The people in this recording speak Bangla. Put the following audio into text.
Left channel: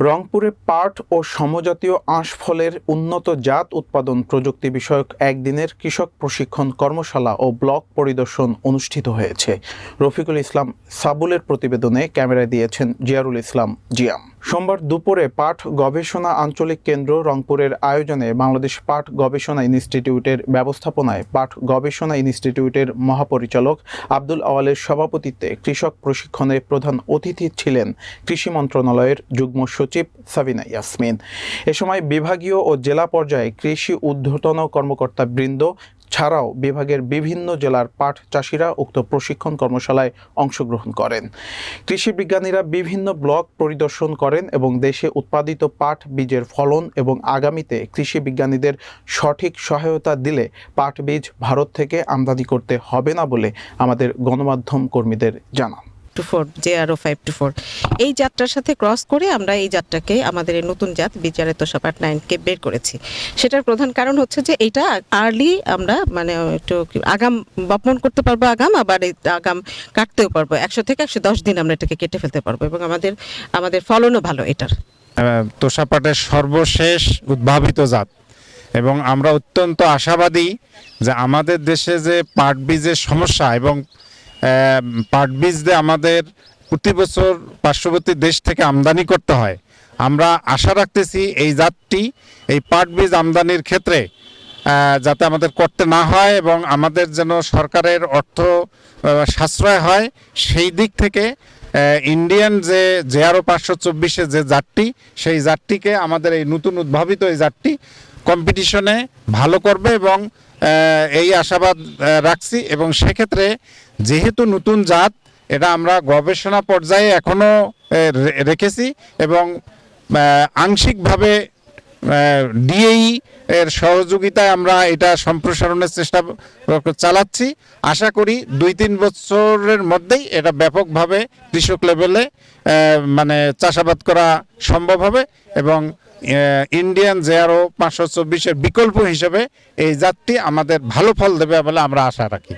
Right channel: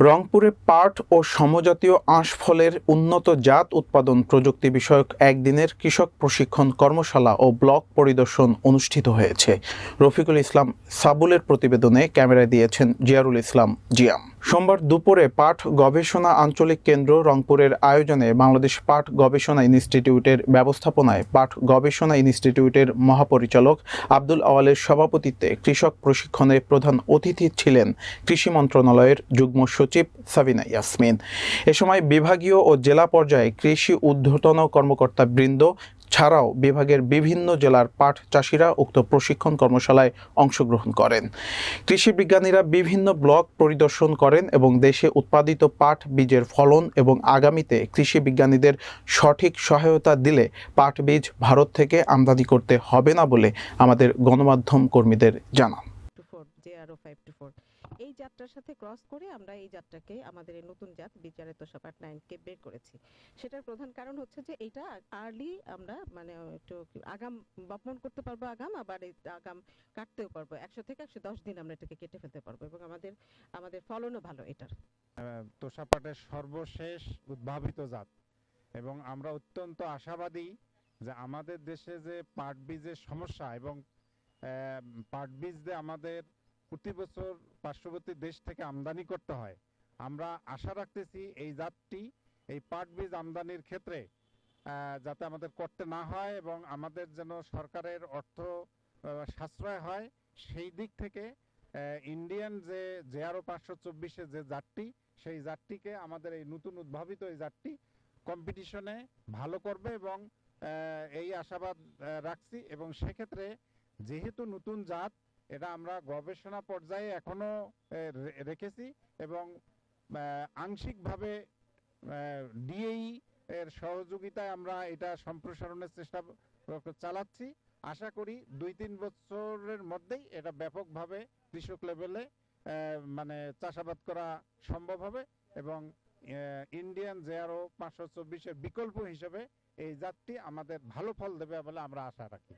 রংপুরে পাট ও সমজাতীয় আঁশ ফলের উন্নত জাত উৎপাদন প্রযুক্তি বিষয়ক একদিনের কৃষক প্রশিক্ষণ কর্মশালা ও ব্লক পরিদর্শন অনুষ্ঠিত হয়েছে। রফিকুল ইসলাম সাবুলের প্রতিবেদনে ক্যামেরায় দিয়েছেন জিয়ারুল ইসলাম জিয়াম। সোমবার দুপুরে পাঠ গবেষণা আঞ্চলিক কেন্দ্র রংপুরের আয়োজনে বাংলাদেশ পাঠ গবেষণা ইনস্টিটিউটের ব্যবস্থাপনায় পাঠ গবেষণা ইনস্টিটিউটের মহাপরিচালক আব্দুল আওয়ালের সভাপতিত্বে কৃষক প্রশিক্ষণে প্রধান অতিথি ছিলেন কৃষি মন্ত্রণালয়ের যুগ্ম সচিব সাবিনা ইয়াসমিন। এ সময় বিভাগীয় ও জেলা পর্যায়ে কৃষি ঊর্ধ্বতন কর্মকর্তা বৃন্দ ছাড়াও বিভাগের বিভিন্ন জেলার পাট চাষিরা উক্ত প্রশিক্ষণ কর্মশালায় অংশগ্রহণ করেন। কৃষি বিজ্ঞানীরা বিভিন্ন ব্লক পরিদর্শন করেন এবং দেশে উৎপাদিত পাট বীজের ফলন এবং আগামীতে কৃষি বিজ্ঞানীদের সঠিক সহায়তা দিলে পাট বীজ ভারত থেকে আমদানি করতে হবে না বলে আমাদের গণমাধ্যম কর্মীদের জানান। টু ফোর জে আরও ফাইভ টু ফোর এই জাতটার সাথে ক্রস করে আমরা এই জাতটাকে আমাদের এই নতুন জাত বিচারে তোষাপাট নাইনকে বের করেছি। সেটার প্রধান কারণ হচ্ছে যে এটা আর্লি আমরা মানে একটু আগাম বপন করতে পারব আগাম আবার আগাম কাটতেও পারব। একশো থেকে একশো দশ দিন আমরা এটাকে কেটে ফেলতে পারব এবং আমাদের আমাদের ফলনও ভালো এটার। আহ, তোষাপাটের সর্বশেষ উদ্ভাবিত জাত। এবং আমরা অত্যন্ত আশাবাদী যে আমাদের দেশে যে পাট বীজের সমস্যা এবং পাট বীজ দিয়ে আমাদের প্রতি বছর পার্শ্ববর্তী দেশ থেকে আমদানি করতে হয়। আমরা আশা রাখতেছি এই জাতটি, এই পাট বীজ আমদানির ক্ষেত্রে যাতে আমাদের করতে না হয় এবং আমাদের যেন সরকারের অর্থ সাশ্রয় হয়, সেই দিক থেকে ইন্ডিয়ান যে জেআরও পাঁচশো চব্বিশে যে জাতটি, সেই জাতটিকে আমাদের এই নতুন উদ্ভাবিত এই জাতটি কম্পিটিশনে ভালো করবে এবং এই আশাবাদ রাখছি এবং সেক্ষেত্রে যেহেতু নতুন জাত, এটা আমরা গবেষণা পর্যায়ে এখনও রেখেছি এবং আংশিকভাবে ডিএই এর সহযোগিতায় আমরা এটা সম্প্রসারণের চেষ্টা চালাচ্ছি। আশা করি দুই তিন বছরের মধ্যেই এটা ব্যাপকভাবে কৃষক লেভেলে মানে চাষাবাদ করা সম্ভব হবে এবং ইন্ডিয়ান জেয়ারও পাঁচশো চব্বিশের বিকল্প হিসেবে এই জাতটি আমাদের ভালো ফল দেবে বলে আমরা আশা রাখি।